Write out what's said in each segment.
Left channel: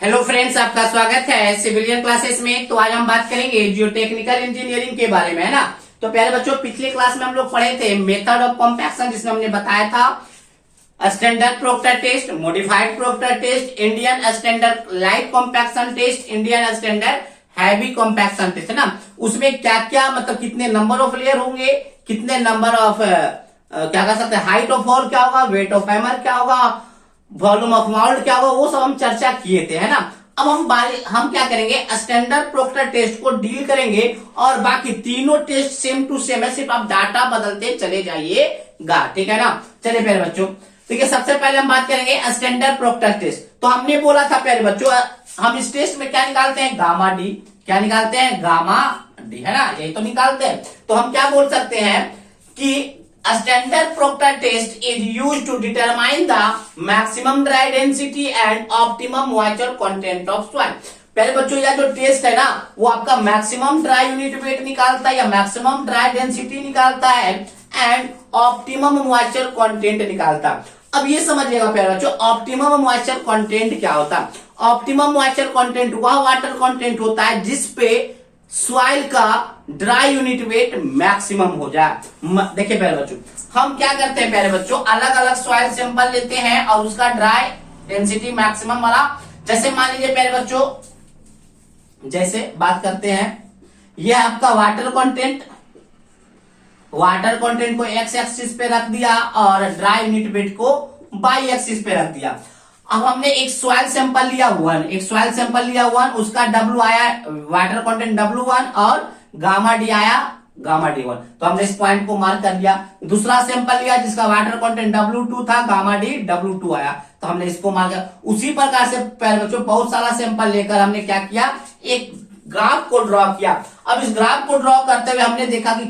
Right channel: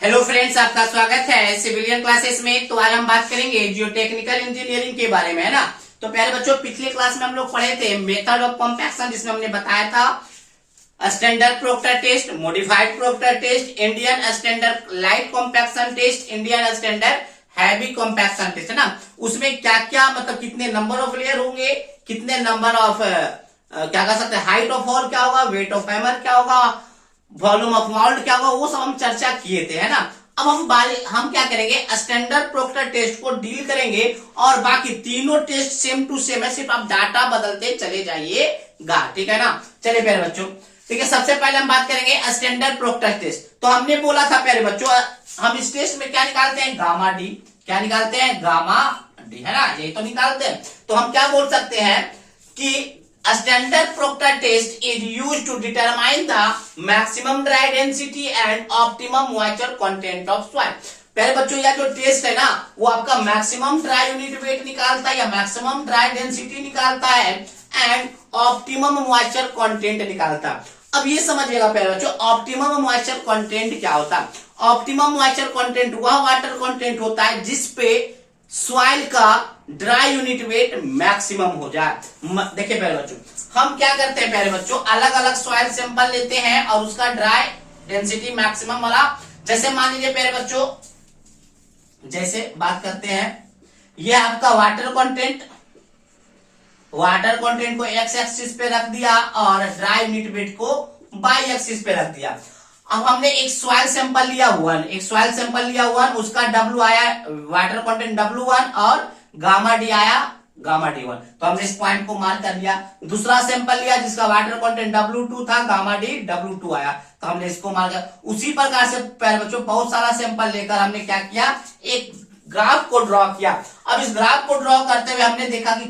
Hello friends, आपका स्वागत है सिविलियन क्लासेस में। तो आज हम बात करेंगे जियो टेक्निकल इंजीनियरिंग के बारे में, है ना। तो प्यारे बच्चों, पिछले क्लास में हम लोग पढ़े थे मेथड ऑफ कॉम्पैक्शन, जिसमें हमने बताया था standard Proctor test, modified Proctor test, Indian standard light compaction test, Indian standard heavy compaction test, है ना। उसमें क्या क्या मतलब कितने नंबर ऑफ लेयर होंगे, कितने नंबर ऑफ क्या कह सकते हैं, हाइट ऑफ हॉल क्या होगा, वेट ऑफ हैमर क्या होगा, वॉल्यूम ऑफ मोल्ड क्या होगा, वो सब हम चर्चा किए थे, है ना। अब हम क्या करेंगे, स्टैंडर्ड प्रोक्टर टेस्ट को डील करेंगे और बाकी तीनों टेस्ट सेम टू सेम है, सिर्फ आप डाटा बदलते चले जाइएगा, ठीक है ना। चलिए प्यारे बच्चों, ठीक है, सबसे पहले हम बात करेंगे स्टैंडर्ड प्रोक्टर टेस्ट। तो हमने बोला था प्यारे बच्चों, हम इस टेस्ट में क्या निकालते हैं, गामा डी। क्या निकालते हैं, गामा डी, है ना, यही तो निकालते हैं। तो हम क्या बोल सकते हैं कि standard proctor test is used to determine the maximum dry density and optimum moisture content of soil। पहले बच्चों, यह जो टेस्ट है ना, वो आपका मैक्सिमम ड्राई यूनिट वेट निकालता है या मैक्सिमम ड्राई डेंसिटी निकालता है एंड ऑप्टिमम मॉइस्चर कंटेंट निकालता है। अब ये समझिएगा प्यारे बच्चों, ऑप्टिमम मॉइस्चर कंटेंट क्या होता है। ऑप्टिमम मॉइस्चर कंटेंट वह वाटर कंटेंट होता है जिसपे सॉइल का ड्राई यूनिट वेट मैक्सिमम हो जाए। देखिए प्यारे बच्चों, हम क्या करते हैं प्यारे बच्चों, अलग अलग सॉइल सैंपल लेते हैं और उसका ड्राई डेंसिटी मैक्सिमम वाला, जैसे मान लीजिए प्यारे बच्चों, जैसे बात करते हैं, ये आपका वाटर कंटेंट को एक्स एक्सिस पे रख दिया और ड्राई यूनिट वेट को वाई एक्सिस पे रख दिया। अब हमने एक सॉइल सैंपल लिया वन, उसका W आया वाटर कंटेंट W1 और गामा डी आया गामा D1। तो हमने इस पॉइंट को मार्क कर दिया। दूसरा सैंपल लिया जिसका वाटर कंटेंट W2 था, गामा डी W2 आया, तो हमने इसको मार्क किया। उसी प्रकार से प्यारे बच्चों, बहुत सारा सैंपल लेकर हमने क्या किया, एक ग्राफ को ड्रॉ किया। अब इस ग्राफ को ड्रॉ करते हुए हमने देखा कि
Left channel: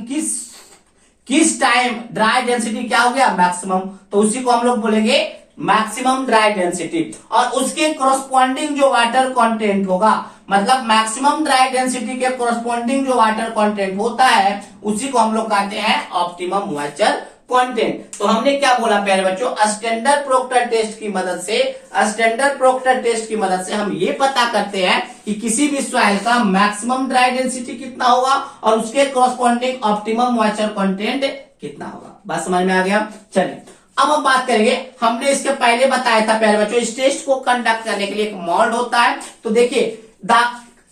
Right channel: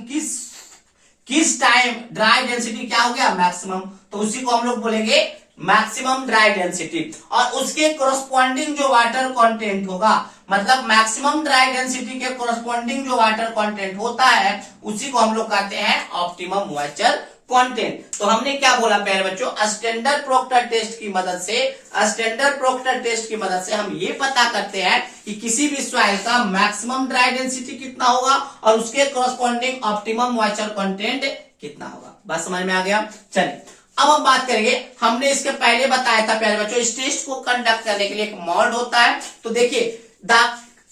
किस टाइम ड्राई डेंसिटी क्या हो गया, मैक्सिमम। तो उसी को हम लोग बोलेंगे मैक्सिमम ड्राई डेंसिटी, और उसके कोरस्पॉन्डिंग जो वाटर कंटेंट होगा, मतलब मैक्सिमम ड्राई डेंसिटी के कोरस्पॉन्डिंग जो वाटर कंटेंट होता है, उसी को हम लोग कहते हैं ऑप्टिमम मॉइस्चर कंटेंट। तो हमने क्या बोला प्यारे बच्चों, स्टैंडर्ड प्रोक्टर टेस्ट की मदद से हम ये पता करते हैं कि किसी भी सॉइल का मैक्सिमम ड्राई डेंसिटी कितना होगा और उसके कोरस्पॉन्डिंग ऑप्टिमम मॉइस्चर कंटेंट कितना होगा। बात समझ में आ गया। चलिए अब हम बात करेंगे, हमने इसके पहले बताया था प्यारे बच्चों, इस टेस्ट को कंडक्ट करने के लिए एक मोल्ड होता है। तो देखिए, the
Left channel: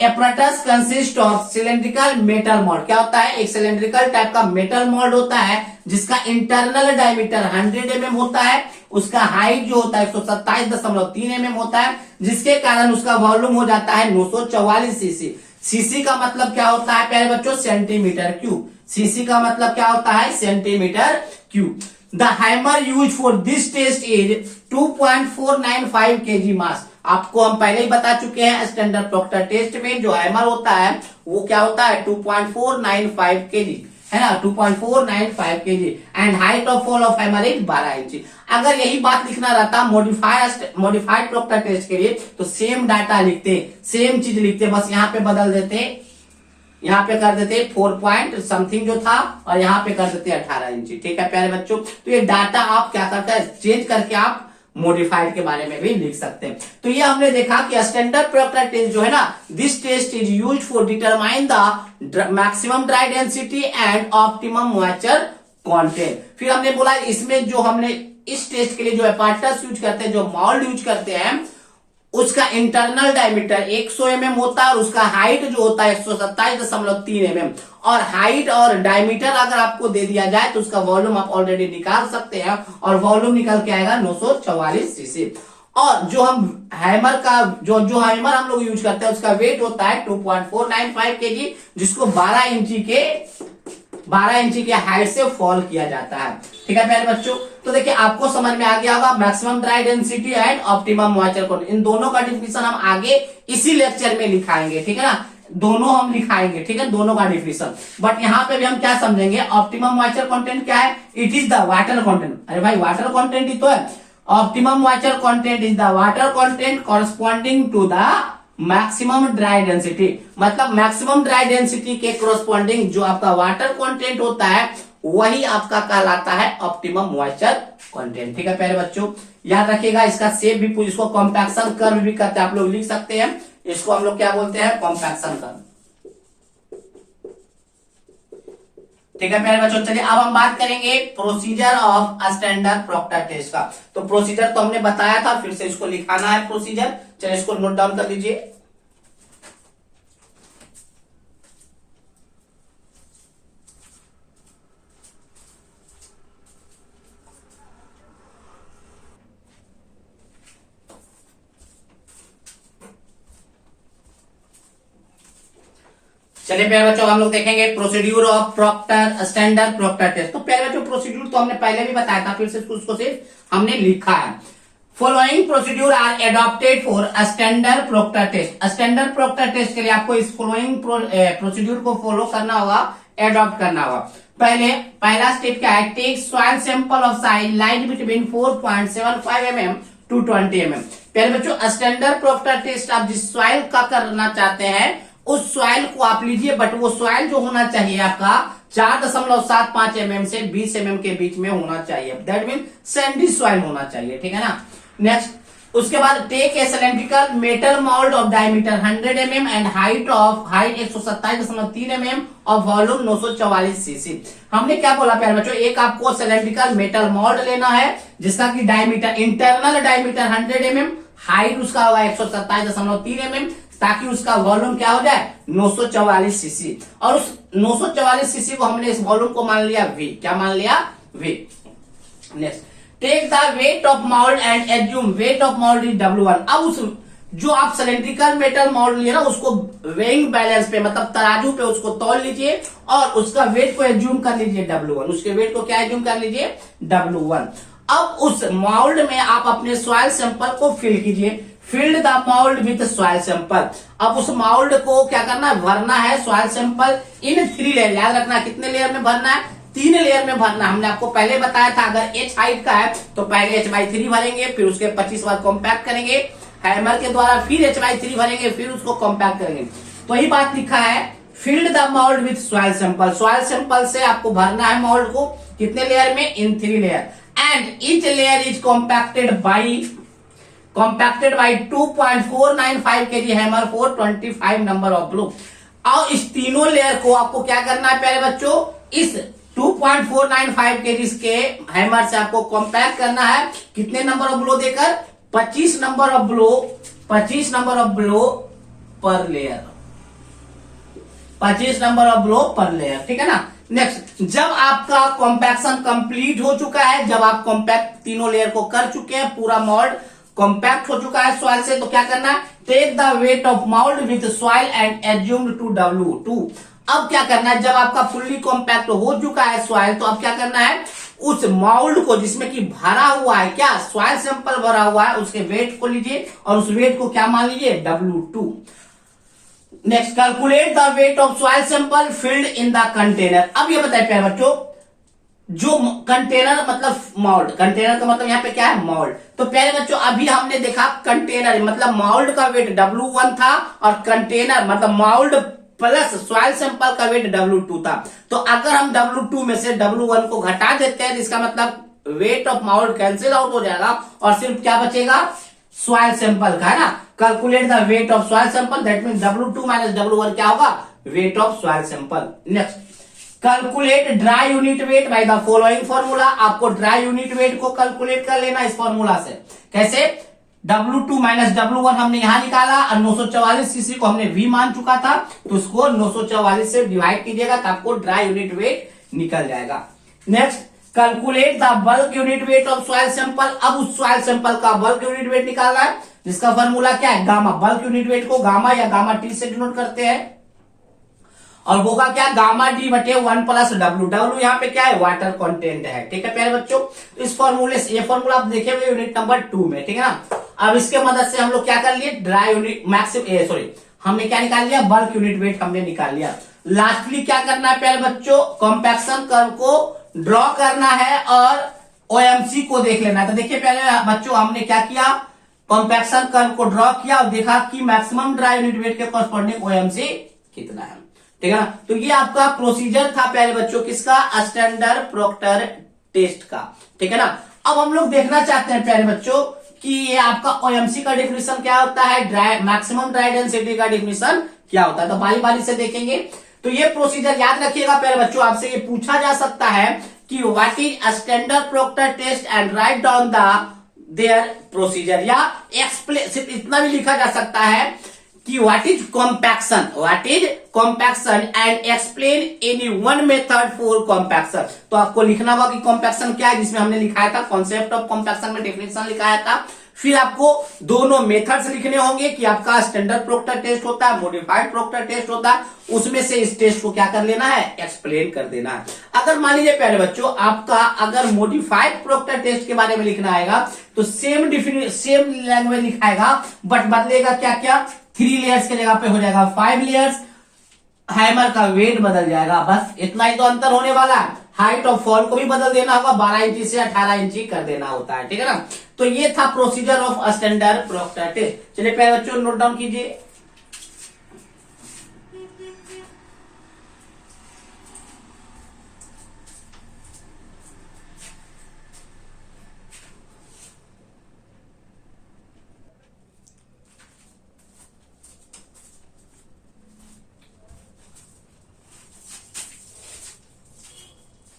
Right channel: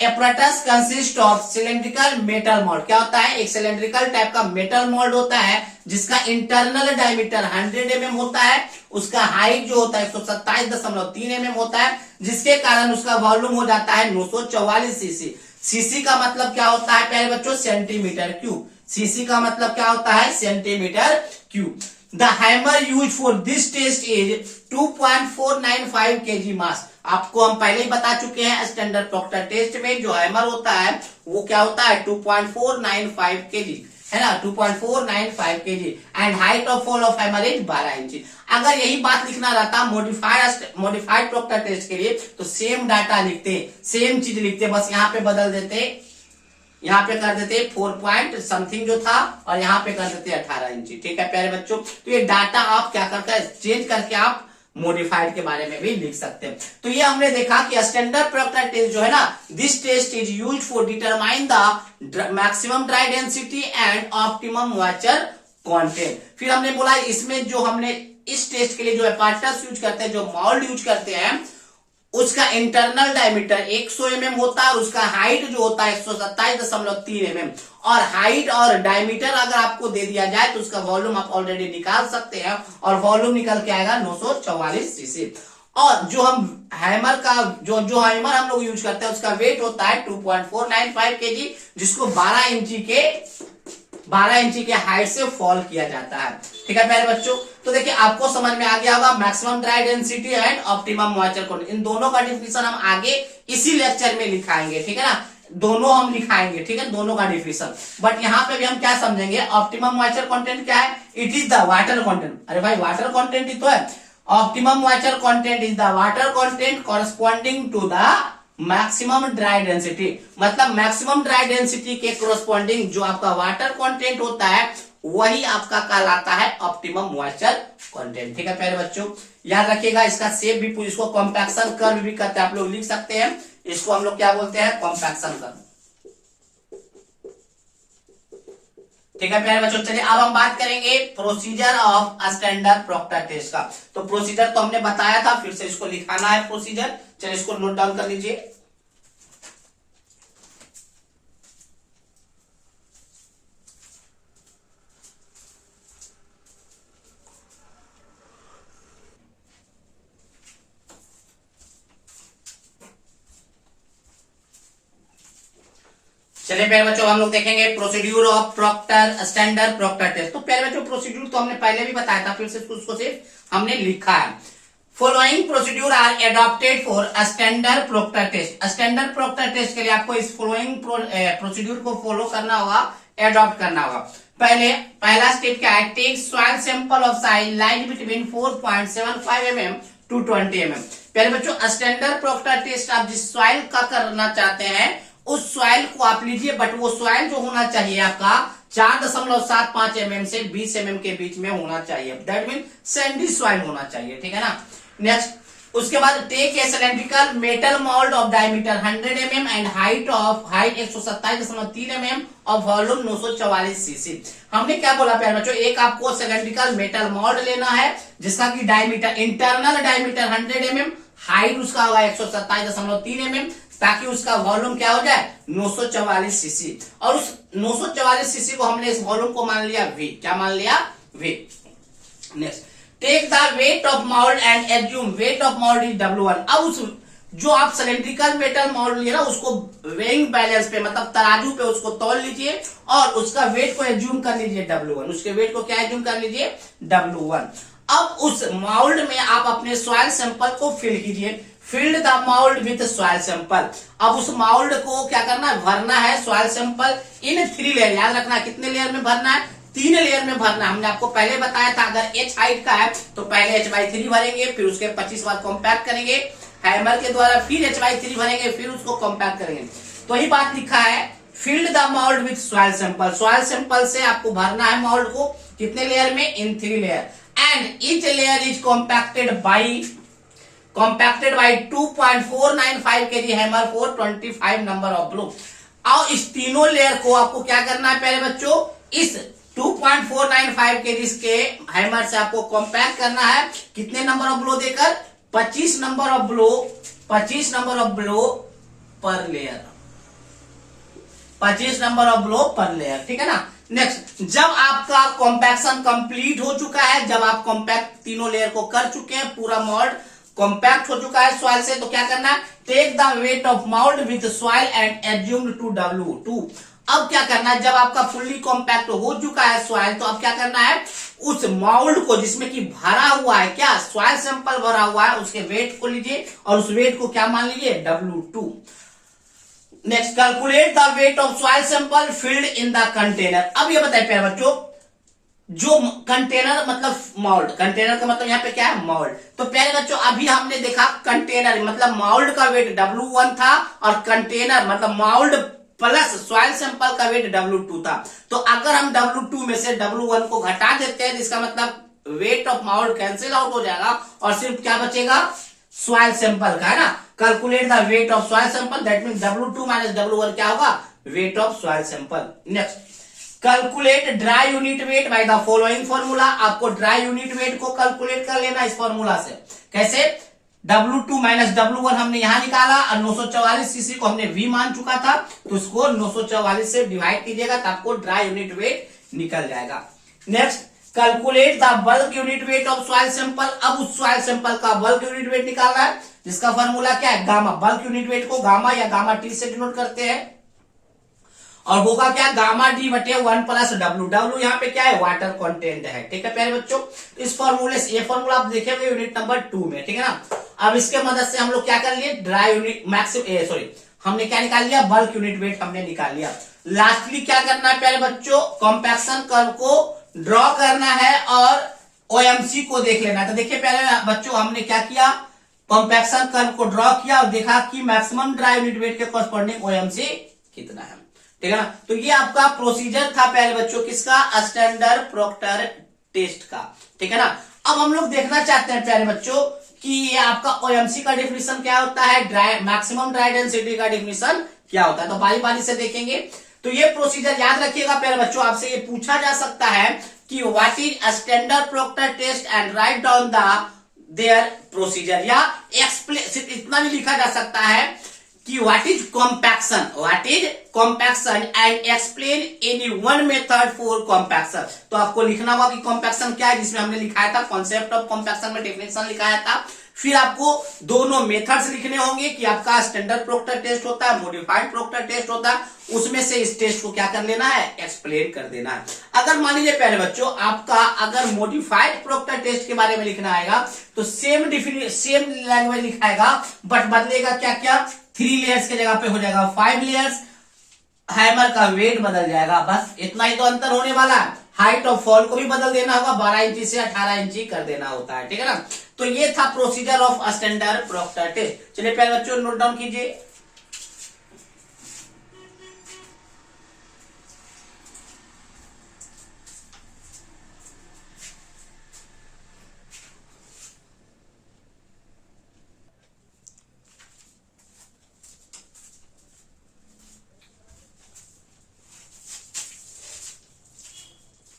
apparatus consist of cylindrical metal mould. क्या होता है, एक सिलेंड्रिकल टाइप का मेटल मोल्ड होता है जिसका इंटरनल डायमीटर 100 mm होता है, उसका हाइट जो होता है 127.3 mm होता है, जिसके कारण उसका वॉल्यूम हो जाता है 944 सीसी। सीसी का मतलब क्या होता है प्यारे बच्चों, सेंटीमीटर क्यूब। सीसी का मतलब क्या होता है, centimetre cube. The hammer used for this test is 2.495 kg mass। आपको हम पहले ही बता चुके हैं, स्टैंडर्ड प्रोक्टर टेस्ट में जो हैमर होता है वो क्या होता है, 2.495 kg, है ना, 2.495 kg and height of fall of hammer is 12 inch. अगर यही बात लिखना रहता मॉडिफाइड प्रोक्टर टेस्ट के लिए, तो सेम डाटा लिखते, सेम चीज लिखते, बस यहाँ पे बदल देते, यहाँ पे कर देते 4 पॉइंट समथिंग जो था और यहाँ पे कर देते 18 इंची। ठीक है प्यारे बच्चों, तो ये डाटा आप क्या करते हैं, चेंज करके आप मॉडिफाइड के बारे में भी लिख सकते हैं। तो ये हमने देखा कि स्टैंडर्ड प्रोक्टर टेस्ट जो है ना, this test is used for determine the maximum dry density and optimum moisture content. फिर हमने बोला इसमें जो हमने इस टेस्ट के लिए जो apparatus यूज करते हैं, जो मोल्ड यूज करते हैं, उसका इंटरनल डायमीटर 100 mm होता है और उसका हाइट जो होता है 127.3 mm। और हाइट और डायमीटर अगर आपको दे दिया जाए तो उसका वॉल्यूम आप ऑलरेडी निकाल सकते हैं, और वॉल्यूम निकल के आएगा 944 सीसी। और जो हम हैमर का जो हैमर हम लोग यूज करते हैं, उसका वेट होता है 2.495 kg, जिसको 12 इंची के हाइट से फॉल किया जाता है। ठीक है प्यारे बच्चों, तो देखिए आपको समझ में आ गया होगा maximum dry density and optimum moisture content. इन दोनों का डिफिनेशन हम आगे इसी लेक्चर में लिखाएंगे, ठीक है ना, दोनों हम लिखाएंगे, ठीक है, दोनों का डिफिनेशन। बट यहाँ पे भी हम क्या समझेंगे, ऑप्टिमम मॉइस्चर कंटेंट क्या है, it is the water content. अरे भाई वाटर कंटेंट ही तो है। Optimum moisture content is the water content corresponding to the maximum dry density. मतलब मैक्सिमम ड्राई डेंसिटी के कोरस्पॉन्डिंग जो आपका वाटर कंटेंट होता है, वही आपका कहलाता है ऑप्टिमम मॉइस्चर कंटेंट। ठीक है प्यारे बच्चों, याद रखिएगा। इसका शेप भी, इसको कॉम्पैक्शन कर्व भी करते हैं, आप लोग लिख सकते हैं। इसको हम लोग क्या बोलते हैं, कॉम्पैक्शन कर्व। ठीक है प्यारे बच्चों, चलिए अब हम बात करेंगे procedure of standard Proctor test का। तो प्रोसीजर तो हमने बताया था, फिर से इसको लिखाना है प्रोसीजर। चलिए इसको नोट डाउन कर लीजिए। चलिए प्यारे बच्चों, हम लोग देखेंगे procedure of Proctor standard Proctor test. तो प्यारे बच्चों, प्रोसीड्यूर तो हमने पहले भी बताया था, फिर से उसको सिर्फ हमने लिखा है। Following procedure are adopted for standard Proctor test. Standard Proctor test के लिए आपको इस फॉलोइंग प्रोसीड्यूर को फॉलो करना होगा, एडॉप्ट करना होगा। पहला स्टेप क्या है, take soil sample of size light between 4.75 mm to 20 mm। प्यारे बच्चों, स्टैंडर्ड प्रॉक्टर टेस्ट आप जिस सॉइल का करना चाहते हैं उस सॉइल को आप लीजिए, बट वो सॉइल जो होना चाहिए आपका 4.75 mm से 20 mm के बीच में होना चाहिए। दैट मीन सैंडी सॉइल होना चाहिए। ठीक है ना। नेक्स्ट, उसके बाद take a cylindrical metal mould of diameter 100 mm and height 127.3 mm of volume 944 cc। हमने क्या बोला प्यारे बच्चों, एक आपको सिलेंड्रिकल मेटल मोल्ड लेना है जिसका की diameter, internal diameter 100 mm, height उसका होगा 127.3 mm, ताकि उसका वॉल्यूम क्या हो जाए 944 cc। और उस 944 cc को हमने इस वॉल्यूम को मान लिया V। क्या मान लिया, V। Next, take the weight of mould and assume weight of mould is W1। अब उस जो आप सिलेंड्रिकल मेटल मोल्ड लिए ना उसको वेइंग बैलेंस पे, मतलब तराजू पे उसको तौल लीजिए और उसका वेट को एज्यूम कर लीजिए W1। उसके वेट को क्या एज्यूम कर लीजिए, W1। अब उस मोल्ड में आप अपने सॉइल सैंपल को फिल कीजिए। Filled the mould with soil sample. अब उस मोल्ड को क्या करना है, भरना है सॉइल सैंपल इन 3 लेयर। याद रखना कितने लेयर में भरना है, 3 लेयर में भरना है। हमने आपको पहले बताया था अगर h हाइट का है तो पहले h/3 भरेंगे, फिर उसके 25 बार कॉम्पैक्ट करेंगे हैमर के द्वारा, फिर h/3 भरेंगे, फिर उसको कॉम्पैक्ट करेंगे। तो यही बात लिखा है, filled the mould with soil sample. Soil sample से आपको भरना है मोल्ड को कितने लेयर में, इन 3 layer. And each layer is compacted by 2.495 kg hammer for 25 number of blue. और इस तीनों लेयर को आपको क्या करना है प्यारे बच्चों, इस 2.495 kg के हैमर से आपको कॉम्पैक्ट करना है कितने नंबर ऑफ ब्लो देकर, 25 number of blow, 25 number of blow पर लेयर, 25 नंबर ऑफ ब्लो पर लेयर। ठीक है ना। नेक्स्ट, जब आपका कॉम्पैक्शन कंप्लीट हो चुका है, जब आप कॉम्पैक्ट तीनों लेयर को कर चुके हैं, पूरा मोल्ड कॉम्पैक्ट हो चुका है सॉइल से, तो क्या करना है, take the weight of mould with soil and assume to W2। अब क्या करना है, जब आपका फुल्ली कॉम्पैक्ट हो चुका है सॉइल, तो अब क्या करना है, उस मोल्ड को जिसमें कि भरा हुआ है, क्या सॉइल सैंपल भरा हुआ है, उसके वेट को लीजिए और उस वेट को क्या मान लीजिए, W2। Next, calculate the weight of soil sample filled in the container. अब ये बताइए प्यारे बच्चों, जो कंटेनर मतलब मोल्ड, कंटेनर का मतलब यहाँ पे क्या है, मोल्ड। तो प्यारे बच्चों अभी हमने देखा कंटेनर मतलब मोल्ड का वेट W1 था और कंटेनर मतलब मोल्ड प्लस सॉइल सैंपल का वेट W2 था। तो अगर हम W2 में से W1 को घटा देते हैं, इसका मतलब wait of mould cancel out हो जाएगा और सिर्फ क्या बचेगा, सॉइल सैंपल का, है ना। Calculate the weight of soil sample, that mean W2 minus W1 क्या होगा, weight of soil sample. Next, calculate dry unit weight by the following formula. आपको ड्राई यूनिट वेट को कैलकुलेट कर लेना इस फॉर्मूला से। कैसे, W2 माइनस W1 हमने यहां निकाला और 944 cc को हमने V मान चुका था, तो उसको 944 से डिवाइड कीजिएगा तो आपको ड्राई यूनिट वेट निकल जाएगा। Next, calculate the bulk unit weight of soil sample. अब उस सॉइल सैंपल का बल्क यूनिट वेट निकालना है, जिसका फॉर्मूला क्या है, गामा। बल्क यूनिट वेट को गामा या गामा टी से डिनोट करते हैं और होगा क्या, गामा डी बटे 1 प्लस W। W यहाँ पे क्या है, वाटर कंटेंट है। ठीक है प्यारे बच्चों, तो इस फॉर्मूले से, ये फॉर्मूला आप देखेंगे यूनिट नंबर 2 में। ठीक है ना। अब इसके मदद से हम लोग क्या कर लिए, ड्राई यूनिट हमने क्या निकाल लिया, बल्क यूनिट वेट हमने निकाल लिया। लास्टली क्या करना है प्यारे बच्चों, कॉम्पैक्शन कर्व को ड्रॉ करना है और OMC को देख लेना है। तो देखिए प्यारे बच्चों, हमने क्या किया, कॉम्पैक्शन कर्व को ड्रॉ किया और देखा कि मैक्सिमम ड्राई यूनिट वेट के कॉरस्पॉन्डिंग OMC कितना है। ठीक है ना। तो ये आपका प्रोसीजर था प्यारे बच्चों किसका, स्टैंडर्ड प्रोक्टर टेस्ट का, ठीक है ना। अब हम लोग देखना चाहते हैं प्यारे बच्चों कि ये आपका ओएमसी का डिफिनेशन क्या होता है, मैक्सिमम ड्राई डेंसिटी का डिफिनेशन क्या होता है, तो बारी बारी से देखेंगे। तो ये प्रोसीजर याद रखिएगा प्यारे बच्चों, आपसे ये पूछा जा सकता है कि what is standard Proctor test and write down the their procedure, या एक्सप्लेन, सिर्फ इतना भी लिखा जा सकता है कि what is compaction and explain any one method for compaction. तो आपको लिखना होगा कि कॉम्पैक्शन क्या है, जिसमें हमने लिखाया था कॉन्सेप्ट ऑफ कॉम्पैक्शन में डेफिनेशन लिखाया था। फिर आपको दोनों मेथड्स लिखने होंगे कि आपका स्टैंडर्ड प्रोक्टर टेस्ट होता है, मॉडिफाइड प्रोक्टर टेस्ट होता है, उसमें से इस टेस्ट को क्या कर लेना है, एक्सप्लेन कर देना है। अगर मान लीजिए प्यारे बच्चों आपका अगर मॉडिफाइड प्रोक्टर टेस्ट के बारे में लिखना आएगा तो सेम लैंग्वेज लिखाएगा, बट बदलेगा क्या क्या, 3 लेयर्स के जगह पे हो जाएगा 5 लेयर्स, हैमर का वेट बदल जाएगा, बस इतना ही तो अंतर होने वाला है। हाइट ऑफ फॉल को भी बदल देना होगा, 12 इंची से 18 इंची कर देना होता है, ठीक है ना। तो ये था procedure of standard Proctor test. चलिए प्यारे बच्चों नोट डाउन कीजिए।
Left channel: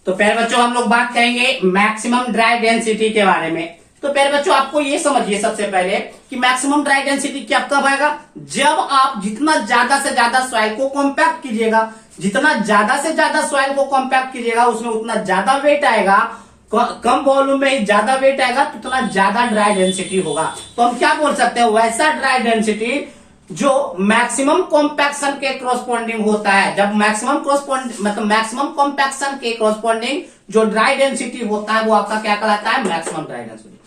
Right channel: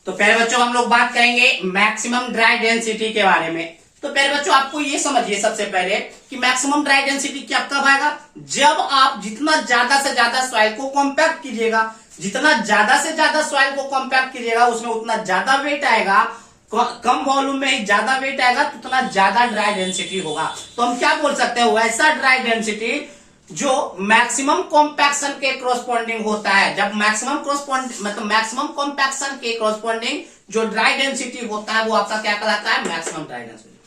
तो प्यारे बच्चों हम लोग बात करेंगे मैक्सिमम ड्राई डेंसिटी के बारे में। तो प्यारे बच्चों आपको ये समझिए सबसे पहले कि मैक्सिमम ड्राई डेंसिटी क्या कब आएगा, जब आप जितना ज्यादा से ज्यादा सॉइल को कॉम्पैक्ट कीजिएगा, जितना ज्यादा से ज्यादा सॉइल को कॉम्पैक्ट कीजिएगा उसमें उतना ज्यादा वेट आएगा, कम वॉल्यूम में ही ज्यादा वेट आएगा तो उतना ज्यादा ड्राई डेंसिटी होगा। तो हम क्या बोल सकते हैं, वैसा ड्राई डेंसिटी जो मैक्सिमम कॉम्पैक्शन के क्रॉसपोंडिंग होता है। जब मैक्सिमम कॉम्पैक्शन के क्रॉसपोंडिंग जो ड्राई डेंसिटी होता है वो आपका क्या कहलाता है, मैक्सिमम ड्राई डेंसिटी।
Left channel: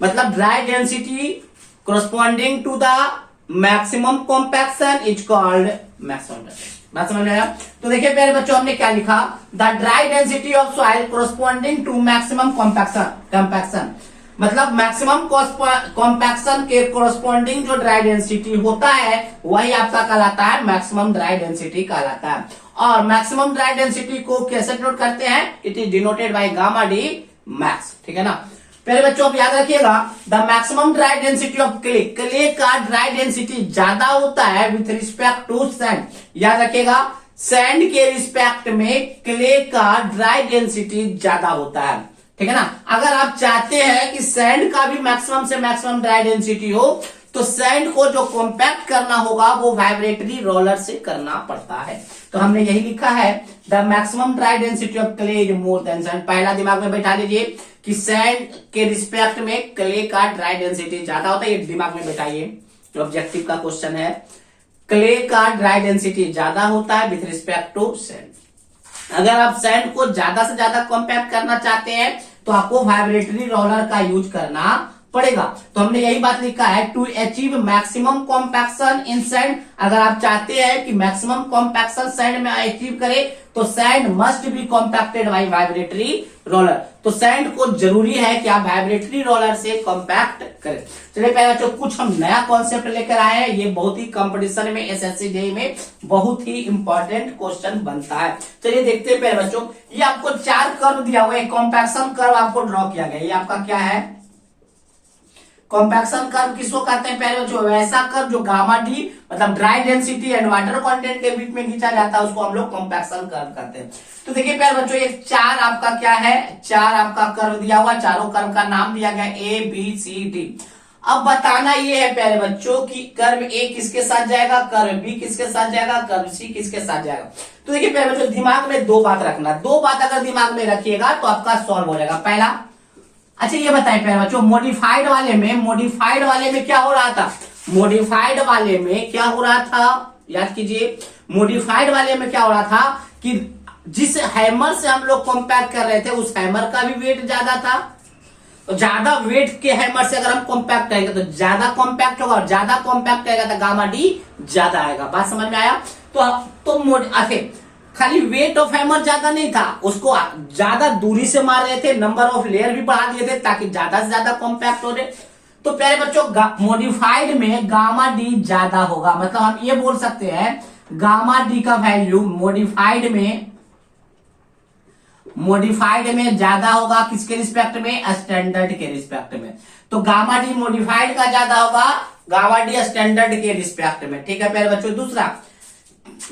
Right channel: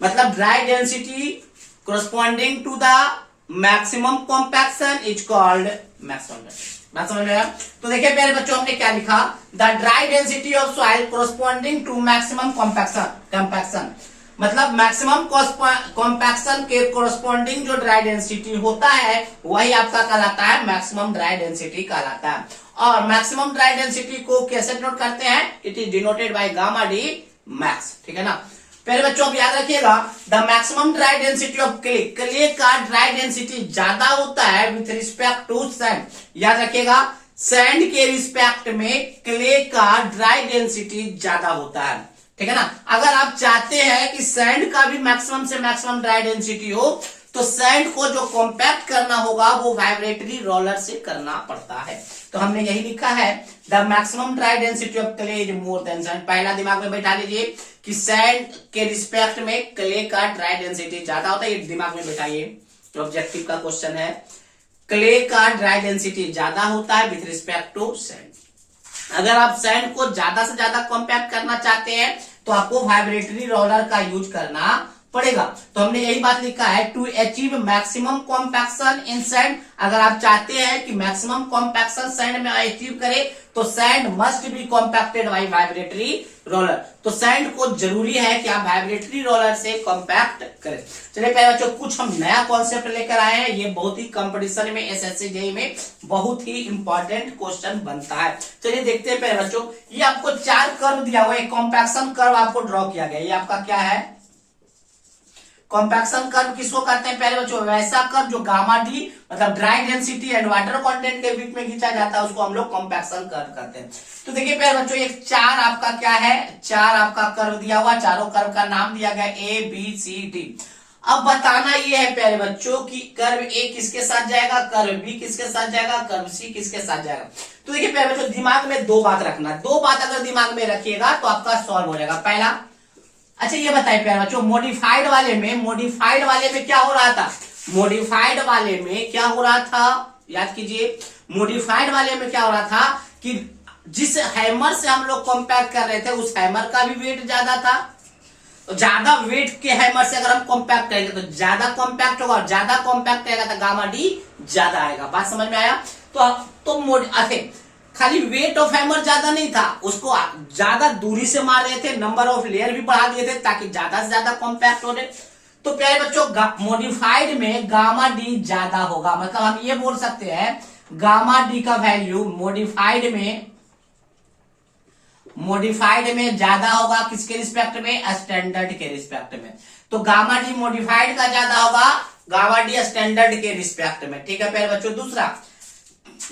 मतलब dry density corresponding to the maximum compaction is called maximum density। बात समझ में आया। तो देखिए प्यारे बच्चों हमने क्या लिखा, the dry density of soil corresponding to maximum compaction मतलब मैक्सिमम कॉम्पैक्शन के कोरस्पॉन्डिंग जो ड्राई डेंसिटी होता है वही आपका कहलाता है मैक्सिमम ड्राई डेंसिटी कहलाता है। और मैक्सिमम ड्राई डेंसिटी को कैसे डिनोट करते हैं, it is denoted by gamma D max, ठीक है ना। पहले बच्चों आप याद रखिएगा the maximum dry density of clay का ड्राई डेंसिटी ज्यादा होता है विथ रिस्पेक्ट टू सैंड। याद रखिएगा सैंड के रिस्पेक्ट में क्ले का ड्राई डेंसिटी ज्यादा होता है, ठीक है ना। अगर आप चाहते हैं कि सैंड का भी मैक्सिमम से मैक्सिमम ड्राई डेंसिटी हो तो सैंड को जो कॉम्पैक्ट करना होगा वो वाइब्रेटरी रोलर से करना पड़ता है। तो हमने यही लिखा है the maximum dry density of clay is more than sand. पहला दिमाग में बैठा लीजिए कि सैंड के रिस्पेक्ट में क्ले का ड्राई डेंसिटी ज्यादा होता है, ये दिमाग में बैठाइए, ऑब्जेक्टिव का क्वेश्चन है। क्ले का ड्राई डेंसिटी ज्यादा होता है विथ रिस्पेक्ट टू सैंड। अगर आप सैंड को ज्यादा से ज्यादा कॉम्पैक्ट करना चाहते हैं तो आपको वाइब्रेटरी रोलर का यूज करना पड़ेगा। तो हमने यही बात लिखा है to achieve maximum compaction in sand. अगर आप चाहते हैं कि मैक्सिमम कॉम्पैक्शन सैंड में अचीव करे तो sand must be compacted by vibratory roller. तो सैंड को जरूरी है कि आप वाइब्रेटरी रोलर से कॉम्पैक्ट करें। चलिए प्यारे बच्चों कुछ हम नया कॉन्सेप्ट लेकर आए हैं, ये बहुत ही कंपटीशन में एसएससी जेईई में बहुत ही इंपॉर्टेंट क्वेश्चन बनता है। चलिए देखते हैं प्यारे बच्चों, ये आपको 4 कर्व दिया हुआ है, कॉम्पैक्शन कर्व आपको ड्रॉ किया गया। ये आपका क्या है, कॉम्पैक्शन कर्व किसको कहते हैं प्यारे बच्चों, वैसा कर्व जो गामा डी मतलब dry density and water content के बीच में खींचा जाता है उसको हम लोग कॉम्पैक्शन कर्व कहते हैं। तो देखिए प्यारे बच्चों एक 4 आपका क्या है, 4 आपका कर्व दिया हुआ, चारों कर्व का नाम दिया गया ए बी सी डी। अब बताना ये है प्यारे बच्चों कि कर्व ए किसके साथ जाएगा, कर्व बी किसके साथ जाएगा, कर्व सी किसके साथ जाएगा। तो देखिए प्यारे बच्चों दिमाग में 2 बात रखना, 2 बात अगर दिमाग में रखिएगा तो आपका सॉल्व हो जाएगा। पहला, अच्छा ये बताइए प्यारे बच्चों मॉडिफाइड वाले में क्या हो रहा था, मॉडिफाइड वाले में क्या हो रहा था, याद कीजिए मॉडिफाइड वाले में क्या हो रहा था कि जिस हैमर से हम लोग कॉम्पैक्ट कर रहे थे उस हैमर का भी वेट ज्यादा था। तो ज्यादा वेट के हैमर से अगर हम कॉम्पैक्ट करेंगे तो ज्यादा कॉम्पैक्ट होगा, और ज्यादा कॉम्पैक्ट रहेगा तो गामा डी ज्यादा आएगा। बात समझ में आया। तो खाली वेट ऑफ हैमर ज्यादा नहीं था, उसको ज्यादा दूरी से मार रहे थे, नंबर ऑफ लेयर भी बढ़ा दिए थे ताकि ज्यादा से ज्यादा कॉम्पैक्ट हो रहे। तो प्यारे बच्चों मॉडिफाइड में गामा डी ज्यादा होगा, मतलब हम ये बोल सकते हैं गामा डी का वैल्यू मॉडिफाइड में ज्यादा होगा, किसके रिस्पेक्ट में, स्टैंडर्ड के रिस्पेक्ट में। तो गामा डी मॉडिफाइड का ज्यादा होगा, गामा डी स्टैंडर्ड के रिस्पेक्ट में। ठीक है प्यारे बच्चों। दूसरा,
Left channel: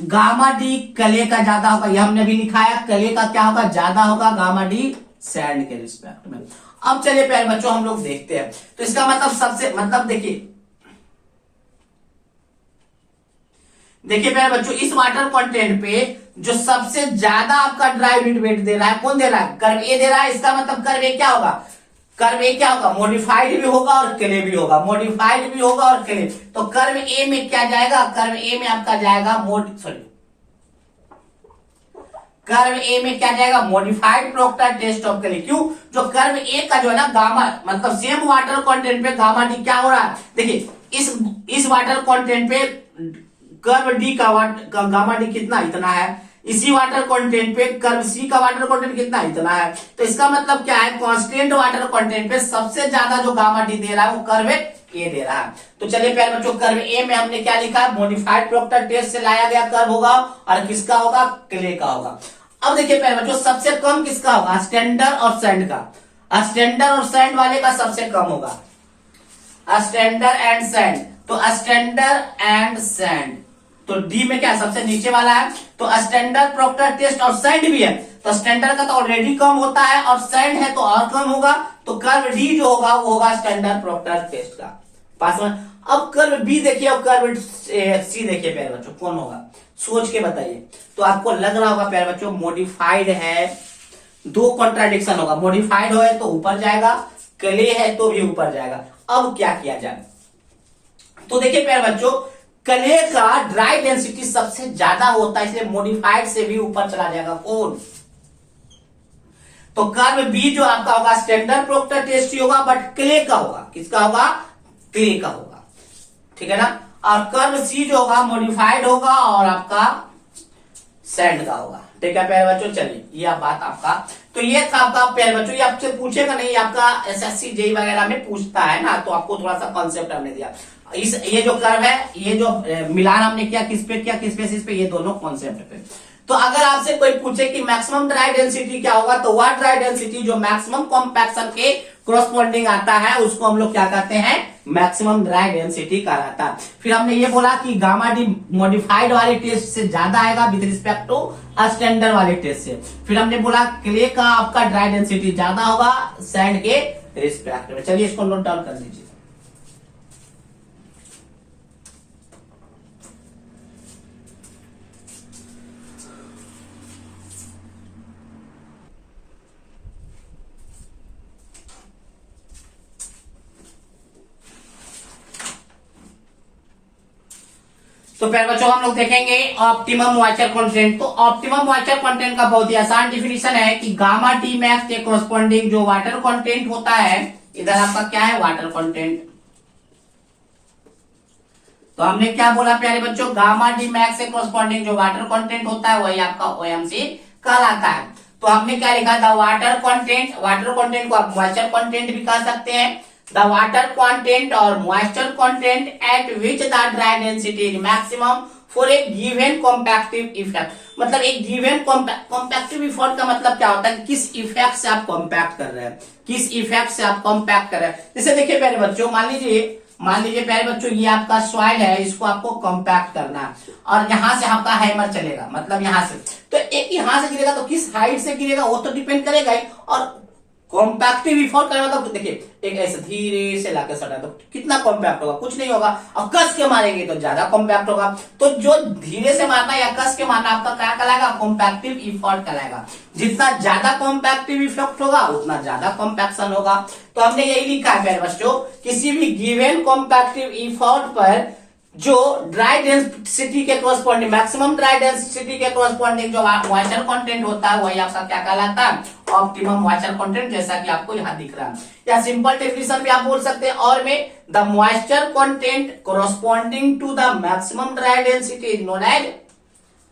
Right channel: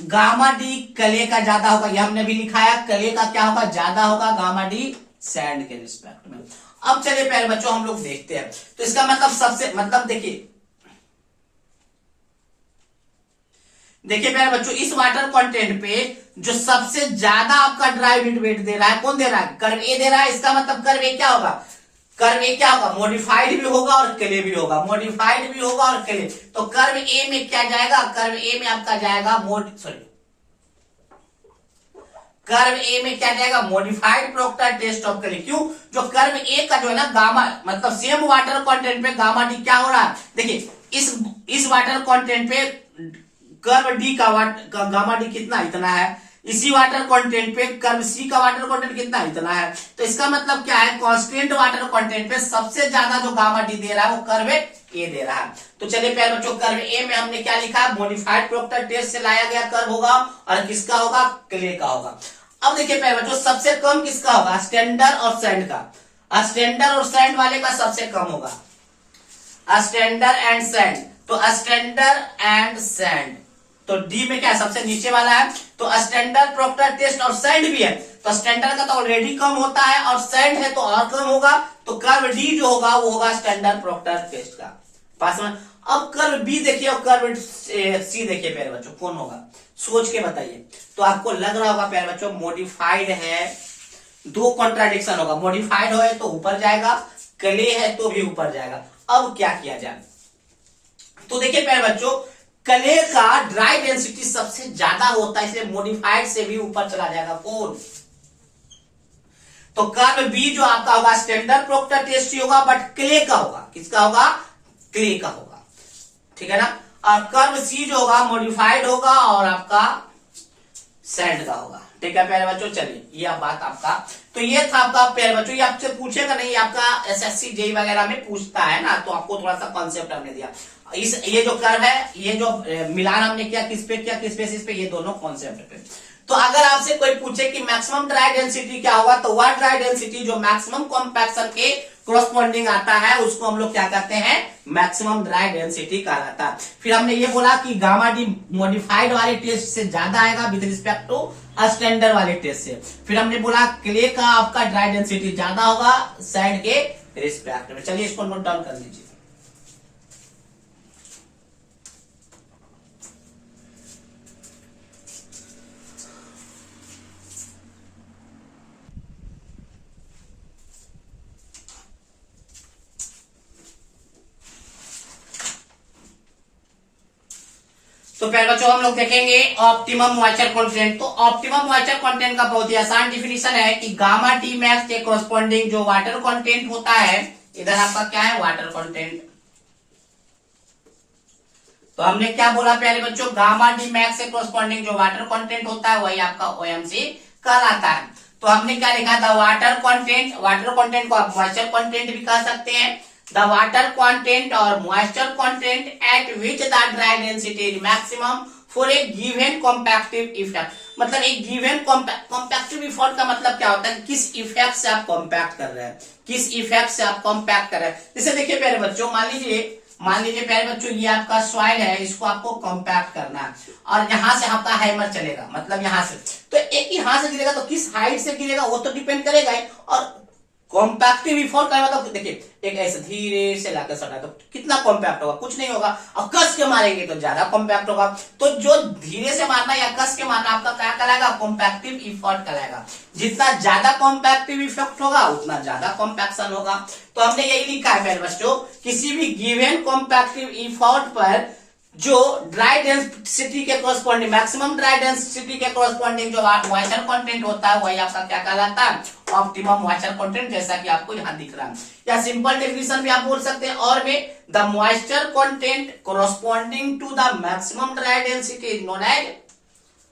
गामा डी कले का ज्यादा होगा, यह हमने भी लिखा है, कले का क्या होगा, ज्यादा होगा, गामा डी सैंड के रिस्पेक्ट में। अब चलिए प्यारे बच्चों हम लोग देखते हैं। तो इसका मतलब देखिए प्यारे बच्चों, इस वाटर कंटेंट पे जो सबसे ज्यादा आपका ड्राई वेट दे रहा है, कौन दे रहा है, कर्व ए दे रहा है। इसका मतलब कर्व ए क्या होगा, मॉडिफाइड भी होगा और क्ले भी होगा, मॉडिफाइड भी होगा और क्ले। तो कर्व ए में क्या जाएगा, कर्व ए में आपका जाएगा कर्व ए में क्या जाएगा, modified Proctor test of clay. क्यों, जो कर्व ए का जो है ना गामा, मतलब सेम वाटर कंटेंट पे गामा डी क्या हो रहा है, देखिए इस वाटर कंटेंट पे कर्व डी का गामा डी कितना, इतना है। इसी वाटर कंटेंट पे कर्व सी का वाटर कंटेंट कितना, इतना है। तो इसका मतलब क्या है, कांस्टेंट वाटर कंटेंट पे सबसे ज्यादा जो गामा डी दे रहा है वो कर्व ए दे रहा है। तो चलिए प्यारे बच्चों, कर्व ए में हमने क्या लिखा, मॉडिफाइड प्रोक्टर टेस्ट से लाया गया कर्व होगा, और किसका होगा, क्ले का होगा। अब देखिए प्यारे बच्चों, सबसे कम किसका होगा, स्टैंडर्ड और सैंड का। स्टैंडर्ड और सैंड वाले का सबसे कम होगा, स्टैंडर्ड एंड सैंड। तो स्टैंडर्ड एंड सैंड, तो डी में क्या सबसे नीचे वाला है। तो स्टैंडर्ड प्रोक्टर टेस्ट और सैंड भी है, तो स्टैंडर्ड का तो ऑलरेडी कम होता है और सैंड है तो और कम होगा। तो कर्व डी जो होगा वो होगा स्टैंडर्ड प्रोक्टर टेस्ट का। पास में अब कर्व बी देखिए और कर्व सी देखिए प्यारे बच्चों, कौन होगा, सोच के बताइए। तो आपको लग रहा होगा प्यारे बच्चों, मॉडिफाइड है, दो कॉन्ट्राडिक्शन होगा, मॉडिफाइड हो तो ऊपर जाएगा, क्ले है तो भी ऊपर जाएगा। अब क्या किया जाए, तो देखिए प्यारे बच्चों, क्ले का ड्राई डेंसिटी सबसे ज्यादा होता है, इसलिए मॉडिफाइड से भी ऊपर चला जाएगा। कौन, तो कर्व बी जो आपका होगा स्टैंडर्ड प्रोक्टर टेस्ट ही होगा, बट क्ले का होगा, किसका होगा, क्ले का होगा। ठीक है ना। और कर्व सी जो होगा मॉडिफाइड होगा और आपका सैंड का होगा। ठीक है प्यारे बच्चों। चलिए ये बात आपका, तो ये था आपका प्यारे बच्चों, ये आपसे पूछेगा नहीं, आपका एसएससी जेई वगैरह में पूछता है ना, तो आपको थोड़ा सा कॉन्सेप्ट हमने दिया। ये जो कर्व है, ये जो मिलान हमने किया किस पे किया, किस बेसिस पे, ये दोनों कॉन्सेप्ट पे। तो अगर आपसे कोई पूछे कि मैक्सिमम ड्राई डेंसिटी क्या होगा, तो वह ड्राई डेंसिटी जो मैक्सिमम कॉम्पैक्शन के कोरस्पॉन्डिंग आता है उसको हम लोग क्या कहते हैं, मैक्सिमम ड्राई डेंसिटी कहलाता है। फिर हमने ये बोला कि गामा डी मॉडिफाइड वाले टेस्ट से ज्यादा आएगा विद रिस्पेक्ट टू स्टैंडर्ड वाले टेस्ट से। फिर हमने बोला क्ले का आपका ड्राई डेंसिटी ज्यादा होगा सैंड के रिस्पेक्ट में। चलिए इसको नोट डाउन कर लीजिए। तो प्यारे बच्चों हम लोग देखेंगे ऑप्टिमम मॉइस्चर कंटेंट। तो ऑप्टिमम मॉइस्चर कंटेंट का बहुत ही आसान डिफिनीशन है कि गामा टी मैक्स के कोरस्पॉन्डिंग जो वाटर कंटेंट होता है, इधर आपका क्या है, वाटर कंटेंट। तो हमने क्या बोला प्यारे बच्चों, गामा डी मैक्स से कोरस्पॉन्डिंग जो वाटर कंटेंट होता है वही आपका ओएमसी कहलाता है। तो हमने क्या लिखा था, वाटर कंटेंट को आप मॉइस्चर कंटेंट भी कह सकते हैं। The water content or moisture content at which the dry density is maximum for a given compactive effect। मतलब एक given compactive effect का मतलब क्या होता है, किस इफेक्ट से आप कॉम्पैक्ट कर रहे हैं, किस इफेक्ट से आप कॉम्पैक्ट कर रहे हैं। जैसे देखिए प्यारे बच्चों, मान लीजिए प्यारे बच्चों, ये आपका सॉइल है, इसको आपको कॉम्पैक्ट करना है और यहां से आपका हैमर चलेगा, मतलब यहां से, तो एक यहां से गिरेगा तो किस हाइट से गिरेगा वो तो डिपेंड करेगा ही। और कॉम्पैक्टिव इफेक्ट का मतलब देखिए, एक ऐसे धीरे से लाकर सटा तो कितना कॉम्पैक्ट होगा, कुछ नहीं होगा। और कस के मारेंगे तो ज्यादा कॉम्पैक्ट होगा। तो जो धीरे से मारना या कस के मारना आपका क्या कहलाएगा, कॉम्पैक्टिव इफेक्ट कहलाएगा। जितना ज्यादा कॉम्पैक्टिव इफेक्ट होगा उतना ज्यादा कॉम्पैक्शन होगा। तो हमने यही लिखा है प्यारे बच्चों, किसी भी गिवन कॉम्पैक्टिव इफेक्ट पर जो ड्राई डेंसिटी के कोरस्पॉन्डिंग, मैक्सिमम ड्राई डेंसिटी के कोरस्पॉन्डिंग जो मॉइस्चर कंटेंट होता है वही आपका क्या कहलाता है, ऑप्टिमम मॉइस्चर कंटेंट, जैसा कि आपको यहाँ दिख रहा है। या सिंपल डेफिनेशन भी आप बोल सकते हैं, और में the moisture content corresponding to the maximum dry density is known as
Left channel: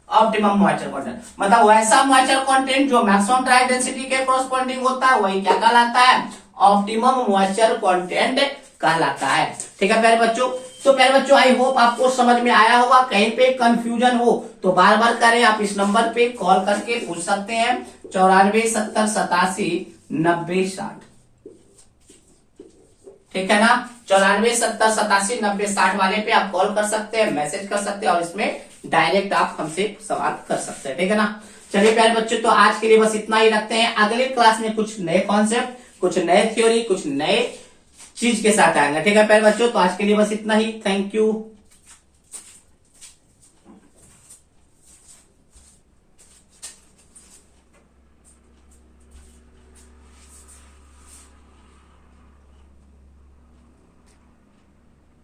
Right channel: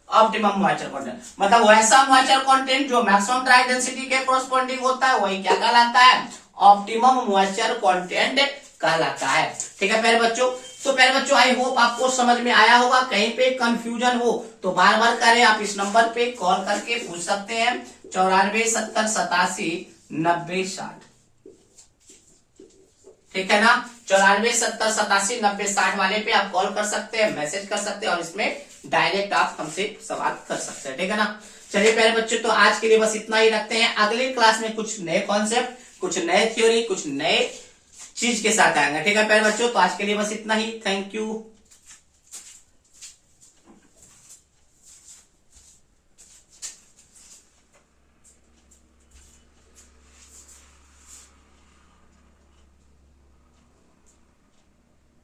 optimum moisture content. मतलब वैसा मॉइस्चर कंटेंट जो मैक्सिमम ड्राई डेंसिटी के कोरस्पॉन्डिंग होता है वही क्या कहलाता है, ऑप्टिमम मॉइस्चर कंटेंट कहलाता है। ठीक है प्यारे बच्चों। सो प्यारे बच्चों, आई होप आपको समझ में आया होगा। कहीं पे कंफ्यूजन हो तो बार बार करें, आप इस नंबर पे कॉल करके पूछ सकते हैं 9470879060। ठीक है ना, 9470879060 वाले पे आप कॉल कर सकते हैं, मैसेज कर सकते हैं और इसमें डायरेक्ट आप हमसे सवाल कर सकते हैं। ठीक है ना, चलिए प्यारे बच्चों, तो आज के लिए बस इतना ही रखते हैं। अगले क्लास में कुछ नए कॉन्सेप्ट, कुछ नए थ्योरी, कुछ नए चीज के साथ आएंगे। ठीक है प्यारे बच्चों, तो आज के लिए बस इतना ही। Thank you.